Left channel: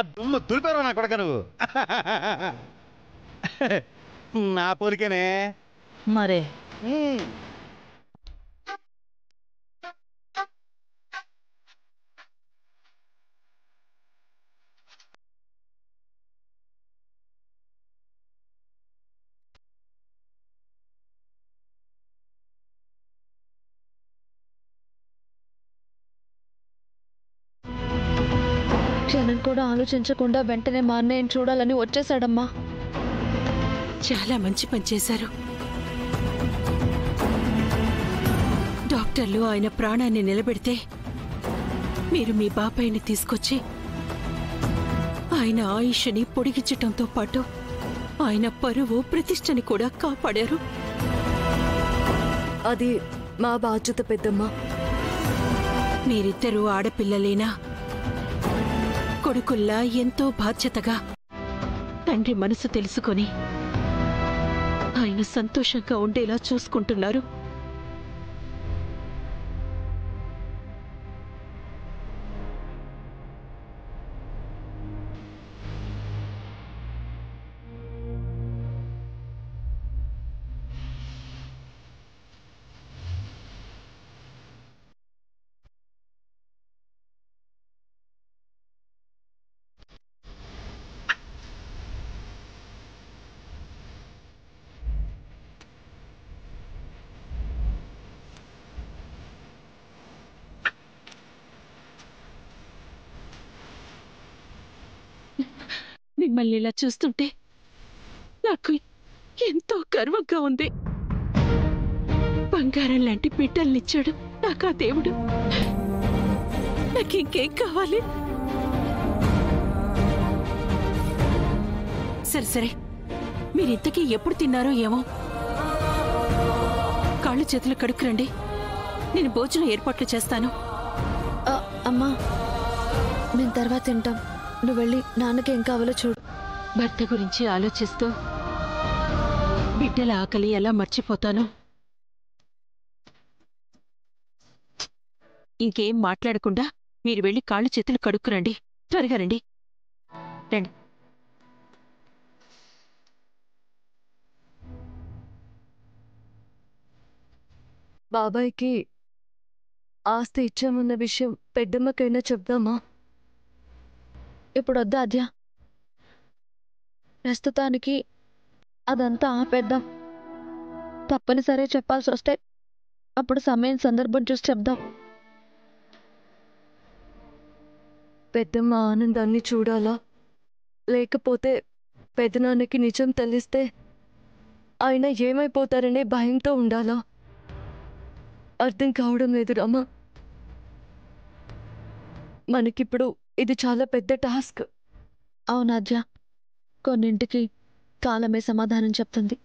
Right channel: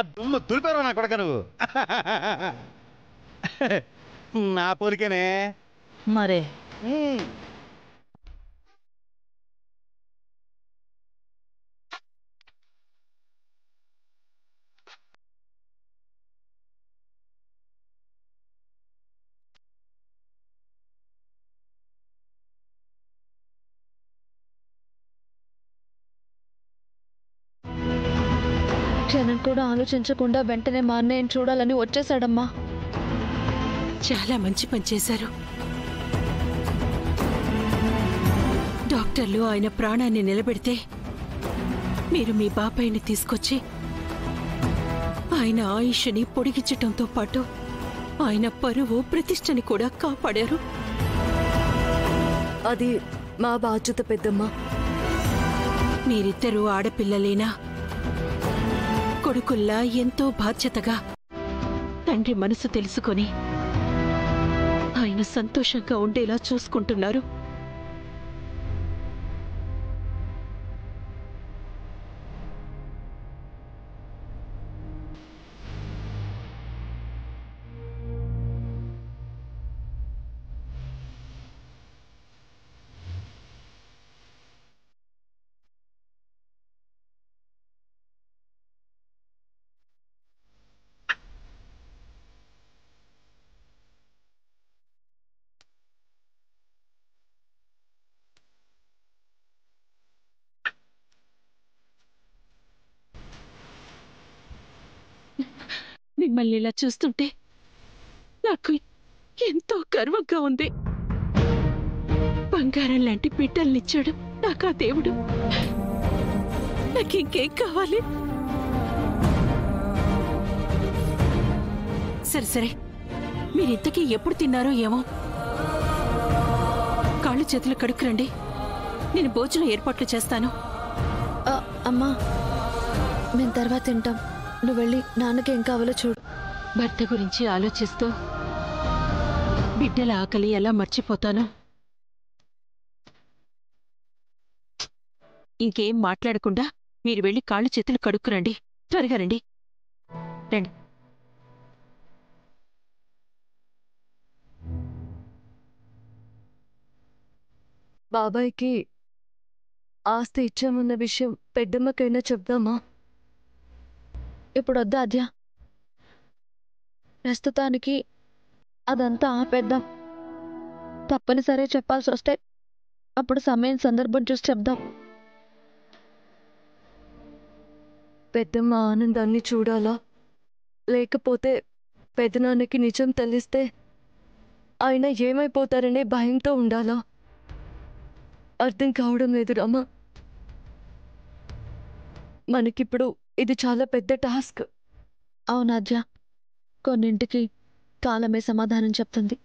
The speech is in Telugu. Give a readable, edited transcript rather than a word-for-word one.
ఆ దుమ్ము దులిపారు నా కొడక నువ్వు. నా పోలికేనే మరే. క్షణం కూడా ఆలోచించకుండా వెంటనే మా అన్నయ్యని చూడాలని వచ్చేసాడమ్మా. చాలా మంచి పని చేశారు. డాక్టర్లు ఆయన ప్రాణాన్ని నిలబెడితే మీరు మీ బాబాయిని తీసుకొచ్చి ఆయన ఆయుష్ని పొడిగించటంతో పాటు ఆయన పరువు ప్రతిష్టని కూడా కాపాడారు. అది మా బాధ్యత పెద్దమ్మ. మీరిద్దరూ ఆడపిల్లలేనా కొడుకుల్లా ఎంతో బాధ్యతగా తండ్రి మనసు తెలుసుకొని ఆయన సంతోషంగా ఉండేలా చూసుకుంటున్నారు. మిమ్మల్ని ఇలా చూస్తుంటే నాకు ఎంతో గర్వంగా ఉంది. బంగారం లాంటి బిడ్డల్నిచ్చాడు నాకు ఆ దేవుడు. నాకింకేం కావాలి? సరే సరే, మీరింతకీ ఎప్పుడు తిన్నారో ఏమో. కాళ్ళు చేతులు కడుక్కురండి, నేను భోజనం ఏర్పాట్లు చేస్తాను. అమ్మా, మేము తర్వాత తింటాం. నువ్వు వెళ్ళి నాన్నకి ఏం కావాలో చూడు. భర్త గురించి ఆలోచిస్తూ బిడ్డల ఆకలి ఎలా మర్చిపోతాను. ఇంకేం మాట్లాడకుండా మీరు వెళ్ళి కాళ్ళు చేతులు కడుక్కురండి. త్వరగా రండి. రండి. బాబాయ్కి ఆస్తి ఇచ్చామన్న విషయం పెద్దమ్మకైనా చెప్దామా? ఇప్పుడు వద్దా అద్యా, ప్రస్తుతానికి అదంతా ఆపేద్దాం. తప్పనిసరి చెప్పాల్సి వస్తే అప్పుడు సమయం సందర్భం చూసి చెప్దాం. పెద్దమ్మ ఆనందాన్ని చూడాలా, లేకపోతే పెదనాన్నకి నిజం తెలిస్తే ఆయన ఏమైపోతారనే భయంతో ఉండాలా? అర్థం కావడం లేదు రామా. మనకిప్పుడు ఇది చాలా పెద్ద టాస్క్. అవునాద్య, కొన్నింటికి కాలమే సమాధానం చెప్తుంది.